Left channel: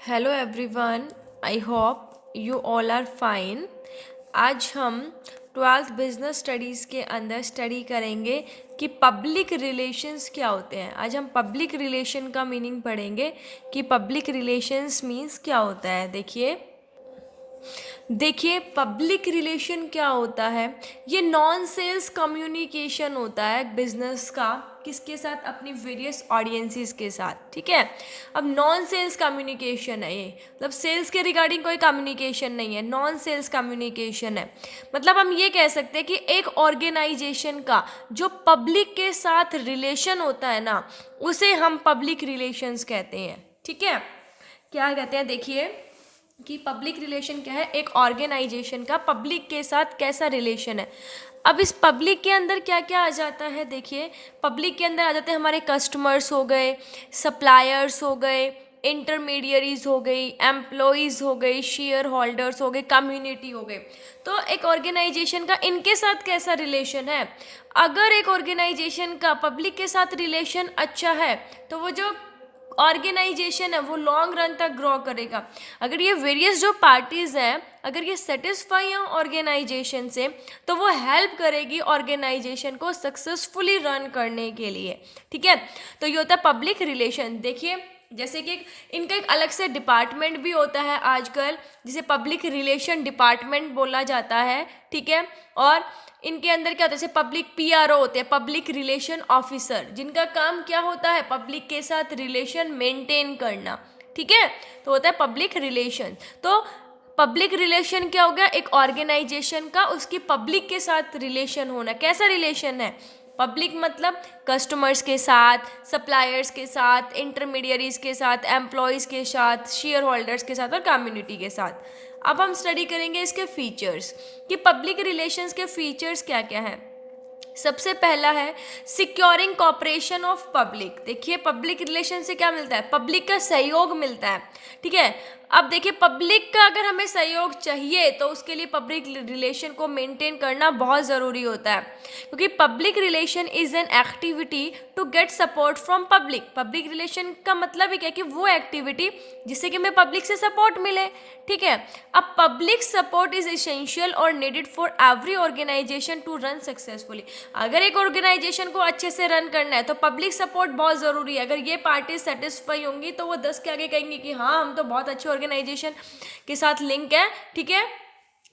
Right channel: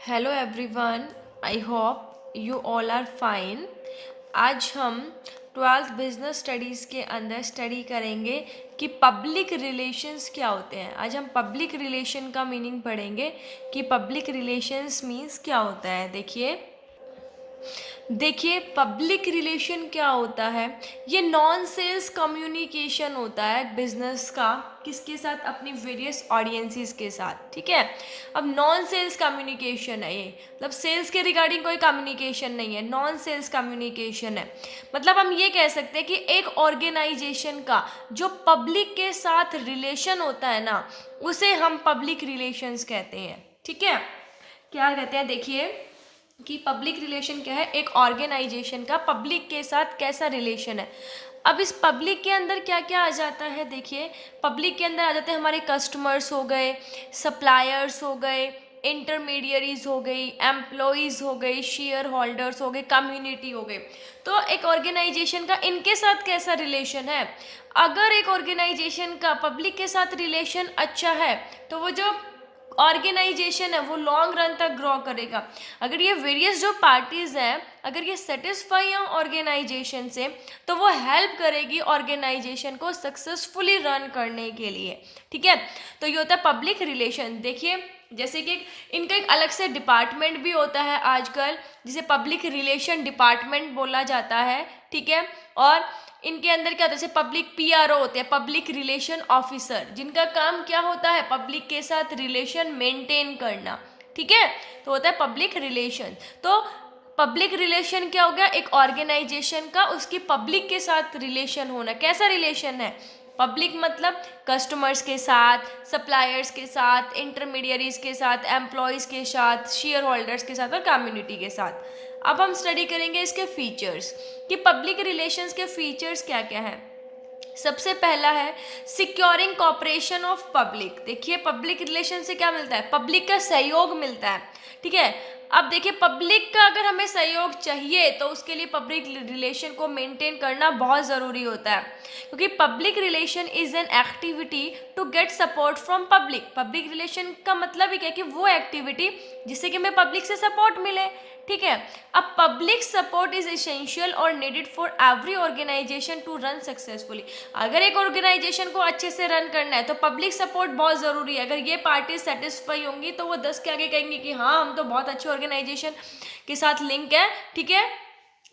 Hello everyone, I hope you all are fine. आज हम twelfth business studies के अंदर स्टडी करेंगे कि पब्लिक रिलेशंस क्या होते हैं। आज हम पब्लिक रिलेशन का मीनिंग पढ़ेंगे कि पब्लिक रिलेशंस मीन्स क्या होता है। देखिए पब्लिक रिलेशन क्या होता है। ये नॉन सेल्स कम्युनिकेशन होता है बिजनेस का, किसके साथ? अपनी वेरियस ऑडियंसेस के साथ। ठीक है, अब नॉन सेल्स कम्युनिकेशन है ये, मतलब सेल्स के रिगार्डिंग कोई कम्युनिकेशन नहीं है, नॉन सेल्स कम्युनिकेशन है। मतलब हम ये कह सकते हैं कि एक ऑर्गेनाइजेशन का जो पब्लिक के साथ रिलेशन होता है ना, उसे हम पब्लिक रिलेशंस कहते हैं। ठीक है, क्या कहते हैं? देखिए कि पब्लिक रिलेशन क्या है, एक ऑर्गेनाइजेशन का पब्लिक के साथ कैसा रिलेशन है। अब इस पब्लिक के अंदर क्या क्या आ जाता है? देखिए पब्लिक के अंदर आ जाते हैं हमारे कस्टमर्स हो गए, सप्लायर्स हो गए, इंटरमीडियरीज हो गई, एम्प्लॉयज़ हो गई, शेयर होल्डर्स हो गए, कम्युनिटी हो गए। तो एक ऑर्गेनाइजेशन का इनके साथ कैसा रिलेशन है? अगर एक ऑर्गेनाइजेशन का पब्लिक के साथ रिलेशन अच्छा है तो वो जो ऑर्गेनाइजेशन है वो लॉन्ग रन तक ग्रो करेगा। अगर ये वेरियस जो पार्टीज़ हैं, अगर ये सेटिस्फाई हैं ऑर्गेनाइजेशन से, तो वो हेल्प करेगी ऑर्गेनाइजेशन को सक्सेसफुली रन करने के लिए। ठीक है, तो ये होता है पब्लिक रिलेशन। देखिए जैसे कि इनका एक अलग से डिपार्टमेंट भी होता है आजकल, जिसे पब्लिक रिलेशन डिपार्टमेंट बोला जाता है। ठीक है, और इनके अंदर क्या होता है? जैसे पब्लिक पीआरओ होते हैं, पब्लिक रिलेशन ऑफिसर, जिनका काम क्या होता है? पब्लिक के साथ रिलेशन मेंटेन करना। ठीक है, तो होता है पब्लिक रिलेशन। तो पब्लिक रिलेशन क्या हो गया? एक ऑर्गेनाइजेशन का उसकी पब्लिक के साथ रिलेशन होना। कैसा रिलेशन है? पब्लिक मतलब कस्टमर्स के साथ, सप्लायर्स के साथ, इंटरमीडियरीज के साथ, एम्प्लॉयज़ के साथ, शेयर होल्डर्स के साथ और कम्युनिटी के साथ। अब हम स्टडी करेंगे इसके फीचर्स कि पब्लिक रिलेशंस के फीचर्स क्या क्या हैं। सबसे पहला है सिक्योरिंग कॉपरेशन ऑफ पब्लिक। देखिए पब्लिक रिलेशन से क्या मिलता है? पब्लिक का सहयोग मिलता है। ठीक है, अब देखिए पब्लिक का अगर हमें सहयोग चाहिए तो उसके लिए पब्लिक रिलेशन को मेंटेन करना बहुत ज़रूरी होता है, क्योंकि public relation is an activity to get support from public. Public relation का मतलब ही क्या है कि वो एक्टिविटी जिससे कि हमें पब्लिक से सपोर्ट मिले। ठीक है, अब पब्लिक सपोर्ट इज इसेंशियल और needed for every organisation to run successfully. अगर एक ऑर्गेनाइजेशन को अच्छे से रन करना है तो पब्लिक सपोर्ट बहुत ज़रूरी है। अगर ये पार्टी सेटिस्फाई होंगी तो वो 10 के आगे कहेंगे कि हाँ हम तो बहुत अच्छे ऑर्गेनाइजेशन के साथ लिंक है। ठीक है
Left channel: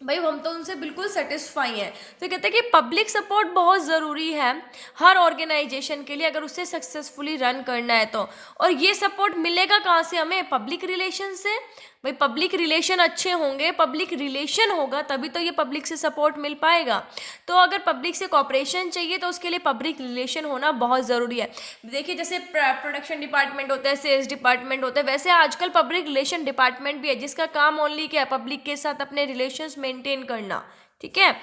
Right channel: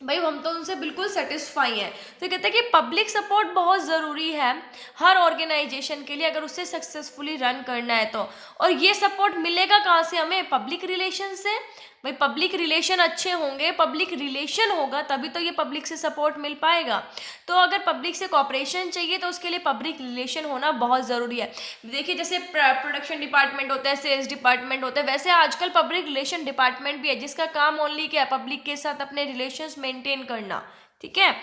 भाई, हम तो उनसे बिल्कुल सेटिस्फाई हैं। तो कहते हैं कि पब्लिक सपोर्ट बहुत ज़रूरी है हर ऑर्गेनाइजेशन के लिए, अगर उसे सक्सेसफुली रन करना है तो। और ये सपोर्ट मिलेगा कहाँ से? हमें पब्लिक रिलेशन से। भाई पब्लिक रिलेशन अच्छे होंगे, पब्लिक रिलेशन होगा तभी तो ये पब्लिक से सपोर्ट मिल पाएगा। तो अगर पब्लिक से कॉपरेशन चाहिए तो उसके लिए पब्लिक रिलेशन होना बहुत ज़रूरी है। देखिए जैसे प्रोडक्शन डिपार्टमेंट होता है, सेल्स डिपार्टमेंट होता है, वैसे आजकल पब्लिक रिलेशन डिपार्टमेंट भी है जिसका काम ओनली क्या है? पब्लिक के साथ अपने रिलेशंस मेंटेन करना। ठीक है,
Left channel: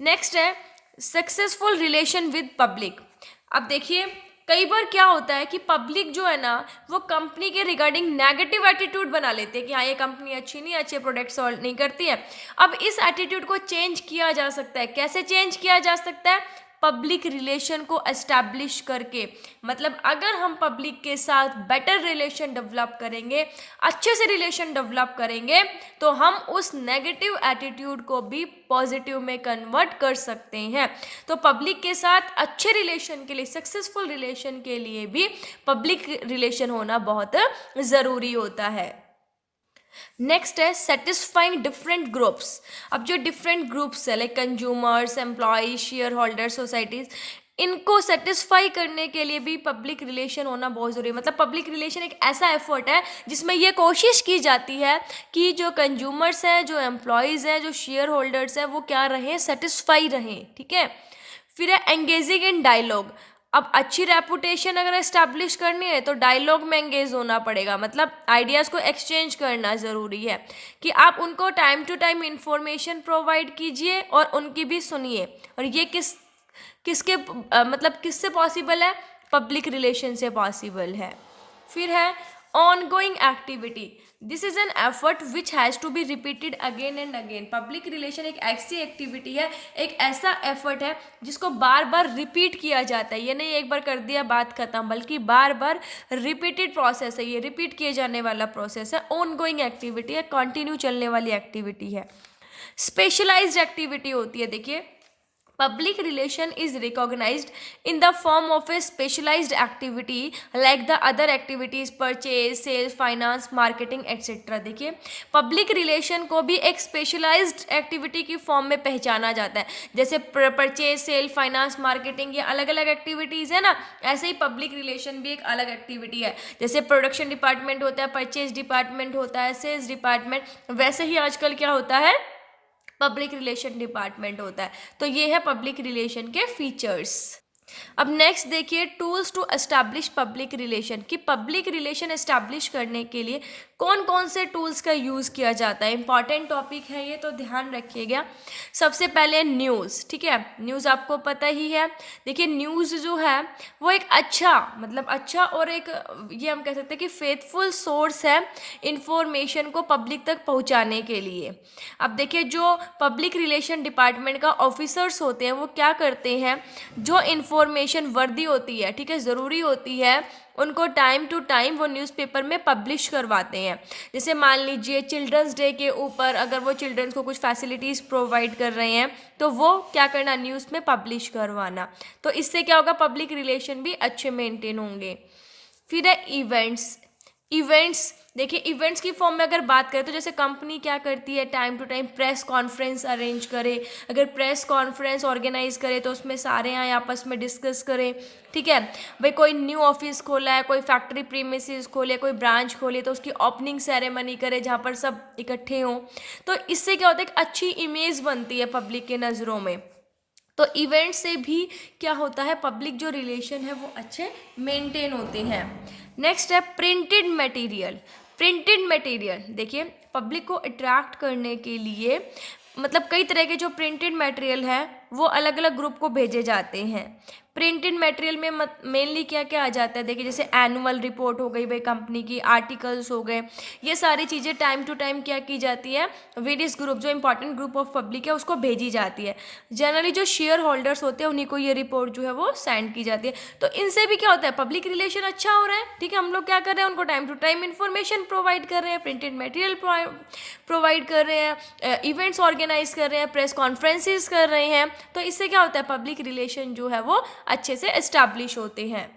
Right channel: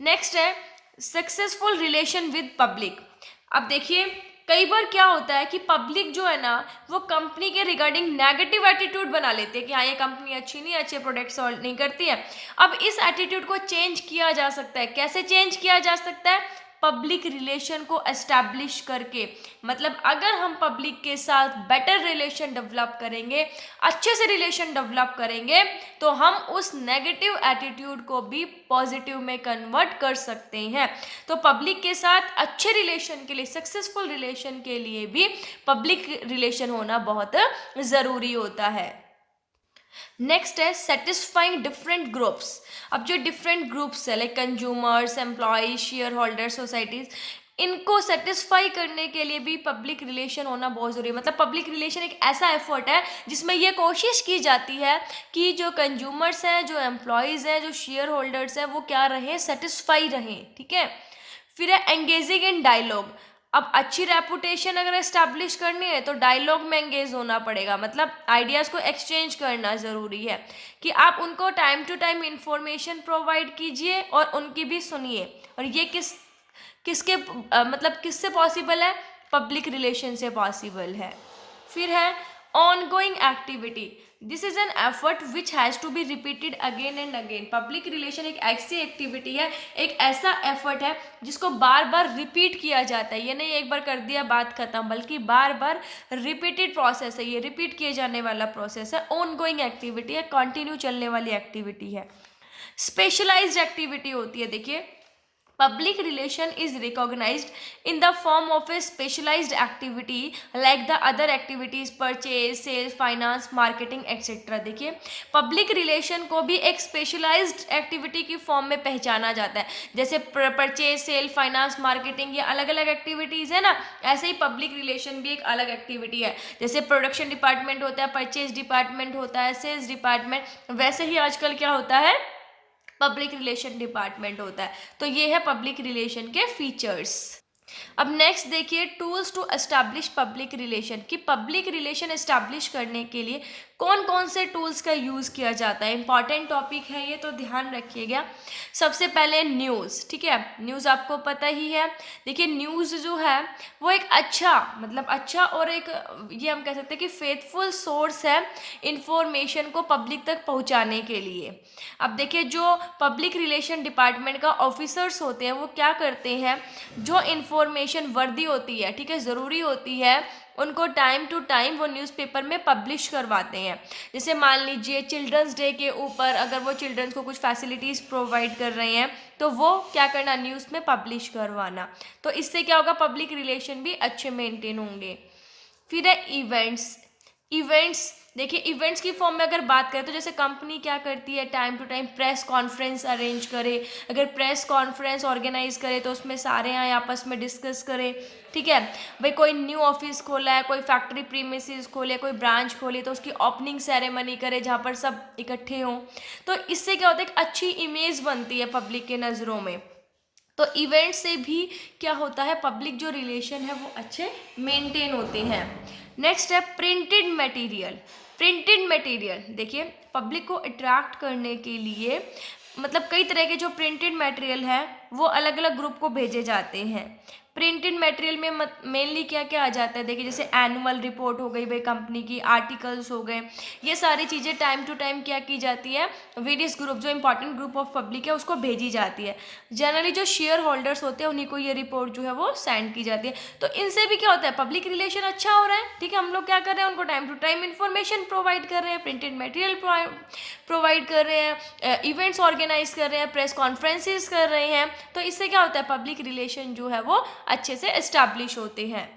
नेक्स्ट है सक्सेसफुल रिलेशन विद पब्लिक। अब देखिए कई बार क्या होता है कि पब्लिक जो है ना वो कंपनी के रिगार्डिंग नेगेटिव एटीट्यूड बना लेते हैं कि हाँ ये कंपनी अच्छी नहीं है, अच्छे प्रोडक्ट सॉल्व नहीं करती है। अब इस एटीट्यूड को चेंज किया जा सकता है। कैसे चेंज किया जा सकता है? पब्लिक रिलेशन को एस्टैब्लिश करके। मतलब अगर हम पब्लिक के साथ बेटर रिलेशन डेवलप करेंगे, अच्छे से रिलेशन डेवलप करेंगे, तो हम उस नेगेटिव एटीट्यूड को भी पॉजिटिव में कन्वर्ट कर सकते हैं। तो पब्लिक के साथ अच्छे रिलेशन के लिए, सक्सेसफुल रिलेशन के लिए भी पब्लिक रिलेशन होना बहुत ज़रूरी होता है। नेक्स्ट है सेटिस्फाइंग डिफरेंट ग्रुप्स। अब जो डिफरेंट ग्रुप्स है like consumers, employees, share holder, societies, इनको सेटिस्फाई करने के लिए भी पब्लिक रिलेशन होना बहुत ज़रूरी है। मतलब पब्लिक रिलेशन एक ऐसा एफर्ट है जिसमें यह कोशिश की जाती है कि जो कंज्यूमर्स हैं, जो एम्प्लॉयज़ हैं, जो शेयर होल्डर्स हैं, वो क्या रहें? सेटिस्फाई रहें। ठीक है, फिर है एंगेजिंग इन डायलॉग। अब अच्छी रेपुटेशन अगर एस्टैब्लिश करनी है तो डायलॉग में एंगेज होना पड़ेगा। मतलब आइडियाज़ को एक्सचेंज करना ज़रूरी है कि आप उनको time to time information provide कीजिए और उनकी भी सुनिए। और ये किसके मतलब किससे पॉसिबल है? पब्लिक रिलेशन से पॉसिबल है। फिर है ongoing activity, this is an effort which has to be repeated again and again. Public relation एक ऐसी एक्टिविटी है, एक ऐसा एफर्ट है जिसको बार बार रिपीट किया जाता है। ये नहीं एक बार कर दिया बात खत्म, बल्कि बार बार रिपीटेड प्रोसेस है, ये रिपीट किए जाने वाला प्रोसेस है। ऑन गोइंग एक्टिविटी है, कंटिन्यू चलने वाली एक्टिविटी है। स्पेशलाइज्ड एक्टिविटी होती है, देखिए public relation is recognized in the form of a specialized activity like the other activities purchase, sales, finance, marketing etc। देखिए पब्लिक रिलेशन को भी एक स्पेशलाइज्ड एक्टिविटी की फॉर्म में पहचाना जाता है। जैसे परचेज, सेल, फाइनेंस, मार्केटिंग ये अलग अलग एक्टिविटीज़ है ना, ऐसे ही पब्लिक रिलेशन भी एक अलग एक्टिविटी है। जैसे प्रोडक्शन डिपार्टमेंट होता है, परचेज डिपार्टमेंट होता है, सेल्स डिपार्टमेंट, वैसे ही आजकल क्या होता है, पब्लिक रिलेशन डिपार्टमेंट होता है। तो ये है पब्लिक रिलेशन के फीचर्स। अब नेक्स्ट देखिए tools to establish public relation, कि पब्लिक रिलेशन एस्टैब्लिश करने के लिए कौन कौन से टूल्स का यूज़ किया जाता है। इंपॉर्टेंट टॉपिक है ये, तो ध्यान रखिएगा। सबसे पहले न्यूज़, ठीक है, न्यूज़ आपको पता ही है। देखिए न्यूज़ जो है वो एक अच्छा, मतलब अच्छा और एक ये हम कह सकते हैं कि फेथफुल सोर्स है इंफॉर्मेशन को पब्लिक तक पहुंचाने के लिए। अब देखिए जो पब्लिक रिलेशन डिपार्टमेंट का ऑफिसर्स होते हैं वो क्या करते हैं, जो इन्फॉर्मेशन वर्दी होती है, ठीक है, ज़रूरी होती है, उनको टाइम टू टाइम वो न्यूज़पेपर में पब्लिश करवाते हैं। जैसे मान लीजिए चिल्ड्रंस डे के ऊपर अगर वो चिल्ड्रंस को कुछ फैसिलिटीज़ प्रोवाइड कर रहे हैं तो वो क्या करना, न्यूज़ में पब्लिश करवाना। तो इससे क्या होगा, पब्लिक रिलेशन भी अच्छे मेंटेन होंगे। फिर है इवेंट्स। इवेंट्स देखिए इवेंट्स की फॉर्म में अगर बात करें तो जैसे कंपनी क्या करती है, time to time press conference arrange करे। अगर प्रेस कॉन्फ्रेंस ऑर्गेनाइज करे तो उसमें सारे आए आपस में डिस्कस करें, ठीक है। भाई कोई न्यू ऑफिस खोला है, कोई फैक्ट्री प्रीमिसेस खोले, कोई ब्रांच खोली, तो उसकी ओपनिंग सेरेमनी करे जहाँ पर सब इकट्ठे हों। तो इससे क्या होता है, एक अच्छी इमेज बनती है पब्लिक के नज़रों में। तो इवेंट से भी क्या होता है, पब्लिक जो रिलेशन है वो अच्छे मेंटेन होते हैं। नेक्स्ट है प्रिंटेड मटेरियल। प्रिंटेड मटेरियल देखिए पब्लिक को अट्रैक्ट करने के लिए मतलब कई तरह के जो प्रिंटेड मटेरियल है वो अलग अलग ग्रुप को भेजे जाते हैं। प्रिंटेड मटेरियल में मेनली क्या क्या आ जाता है, देखिए जैसे एनुअल रिपोर्ट हो गई भाई कंपनी की, आर्टिकल्स हो गए, ये सारी चीज़ें टाइम टू टाइम क्या की जाती है, वेरियस ग्रुप जो इंपॉर्टेंट ग्रुप ऑफ पब्लिक है उसको भेजी जाती है। जनरली जो शेयर होल्डर्स होते हैं उन्हीं को ये रिपोर्ट जो है वो सेंड की जाती है। तो इनसे भी क्या होता है, पब्लिक रिलेशन अच्छा हो रहा है, ठीक है। हम लोग क्या कर रहे हैं, उनको time to time information provide कर रहे हैं, प्रिंटेड मटेरियल प्रोवाइड कर रहे हैं, इवेंट्स ऑर्गेनाइज कर रहे हैं, प्रेस कॉन्फ्रेंसेस कर रहे हैं। तो इससे क्या होता है, पब्लिक रिलेशन जो है वो अच्छे से एस्टैब्लिश होते हैं।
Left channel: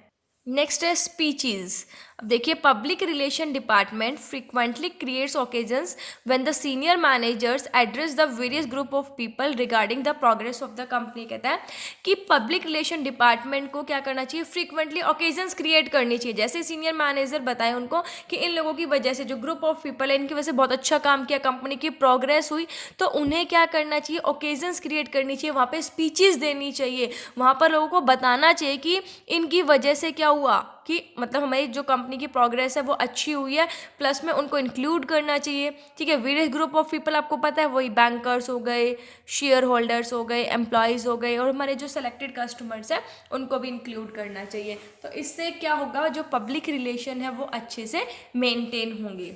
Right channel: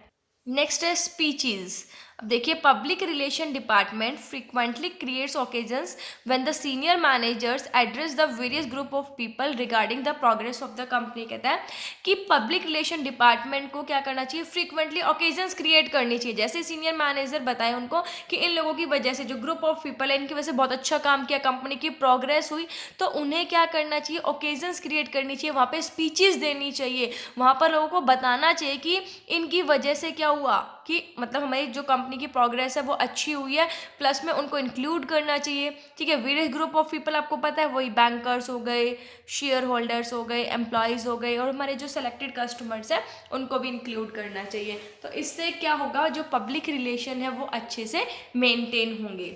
नेक्स्ट है स्पीचेस। अब देखिए public relation department frequently creates occasions when the senior managers address the various group of people regarding the progress of the company. कहता है कि पब्लिक रिलेशन डिपार्टमेंट को क्या करना चाहिए, फ्रीक्वेंटली ओकेजन्स क्रिएट करनी चाहिए। जैसे सीनियर मैनेजर बताए उनको कि इन लोगों की वजह से जो ग्रुप ऑफ पीपल है इनकी वजह से बहुत अच्छा काम किया, कंपनी की प्रोग्रेस हुई, तो उन्हें क्या करना चाहिए, ओकेजन्स क्रिएट करनी चाहिए, वहाँ पे स्पीचेस देनी चाहिए, वहाँ पर लोगों को बताना चाहिए कि इनकी वजह से क्या हुआ, कि मतलब हमारी जो कंपनी की प्रोग्रेस है वो अच्छी हुई है, प्लस में उनको इंक्लूड करना चाहिए, ठीक है। वेरियस ग्रुप ऑफ पीपल आपको पता है वही बैंकर्स हो गए, शेयर होल्डर्स हो गए, एम्प्लॉयज़ हो गए, और हमारे जो सेलेक्टेड कस्टमर्स हैं उनको भी इंक्लूड करना चाहिए। तो इससे क्या होगा, जो पब्लिक रिलेशन है वो अच्छे से मेंटेन होंगे।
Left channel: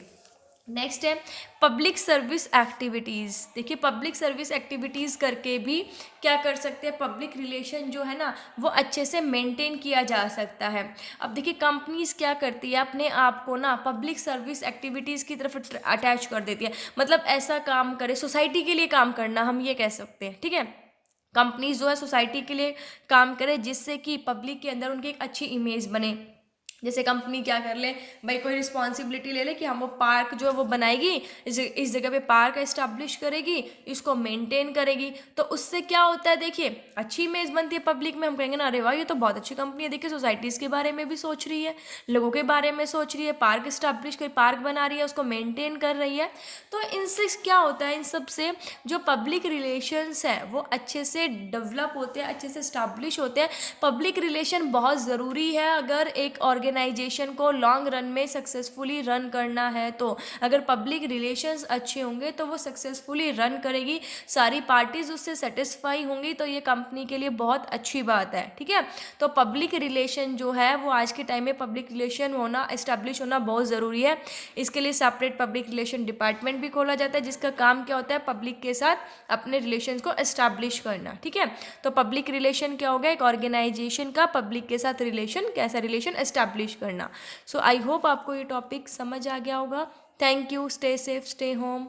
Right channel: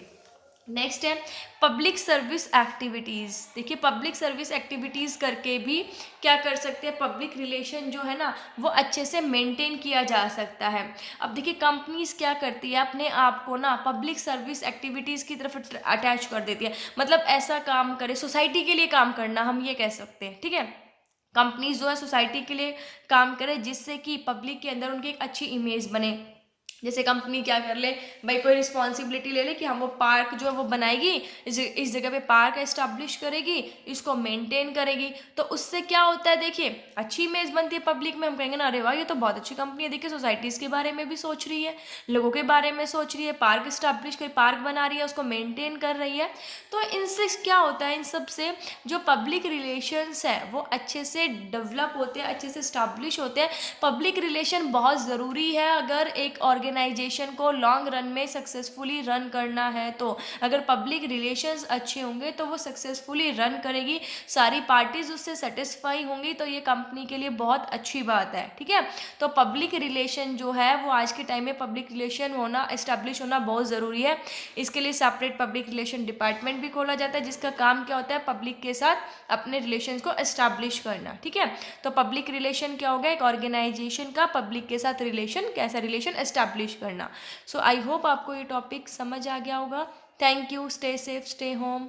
नेक्स्ट है पब्लिक सर्विस एक्टिविटीज़। देखिए पब्लिक सर्विस एक्टिविटीज़ करके भी क्या कर सकते हैं, पब्लिक रिलेशन जो है ना वो अच्छे से मेंटेन किया जा सकता है। अब देखिए कंपनीज़ क्या करती है, अपने आप को ना पब्लिक सर्विस एक्टिविटीज़ की तरफ अटैच कर देती है, मतलब ऐसा काम करे, सोसाइटी के लिए काम करना हम ये कह सकते हैं, ठीक है। कंपनीज जो है सोसाइटी के लिए काम करे जिससे कि पब्लिक के अंदर उनकी एक अच्छी इमेज बने। जैसे कंपनी क्या कर ले भाई, कोई रिस्पॉन्सिबिलिटी ले ले कि हम वो पार्क जो है वो बनाएगी, इस जगह पे पार्क एस्टैब्लिश करेगी, इसको मेंटेन करेगी, तो उससे क्या होता है, देखिए अच्छी इमेज बनती है पब्लिक में। हम कहेंगे ना अरे वाह ये तो बहुत अच्छी कंपनी है, देखिए सोसाइटीज़ के बारे में भी सोच रही है, लोगों के बारे में सोच रही है, पार्क एस्टैब्लिश कर, पार्क बना रही है, उसको मेंटेन कर रही है। तो इनसे क्या होता है, इन सब से जो पब्लिक रिलेशंस है वो अच्छे से डेवलप होते हैं, अच्छे से इस्टैब्लिश होते हैं। पब्लिक रिलेशन बहुत ज़रूरी है अगर एक ऑर्गेनाइजेशन ऑर्गेनाइजेशन को लॉन्ग रन में सक्सेसफुली रन करना है, तो अगर पब्लिक रिलेशंस अच्छे होंगे तो वो सक्सेसफुली रन करेगी, सारी पार्टीज उससे सेटिस्फाई होंगी, तो ये कंपनी के लिए बहुत अच्छी बात है। ठीक है, तो पब्लिक रिलेशन जो है वो आज के टाइम में पब्लिक रिलेशन होना, इस्टेब्लिश होना बहुत ज़रूरी है। इसके लिए सेपरेट पब्लिक रिलेशन डिपार्टमेंट भी खोला जाता है, जिसका काम क्या होता है, पब्लिक के साथ अपने रिलेशन को इस्टेब्लिश करना। ठीक है, तो पब्लिक रिलेशन क्या होगा, एक ऑर्गेनाइजेशन का पब्लिक के साथ रिलेशन, कैसा रिलेशन इस्टेब्लिश करना। सो आई होप आपको ये टॉपिक समझ आ गया होगा। Thank you, stay safe, stay home.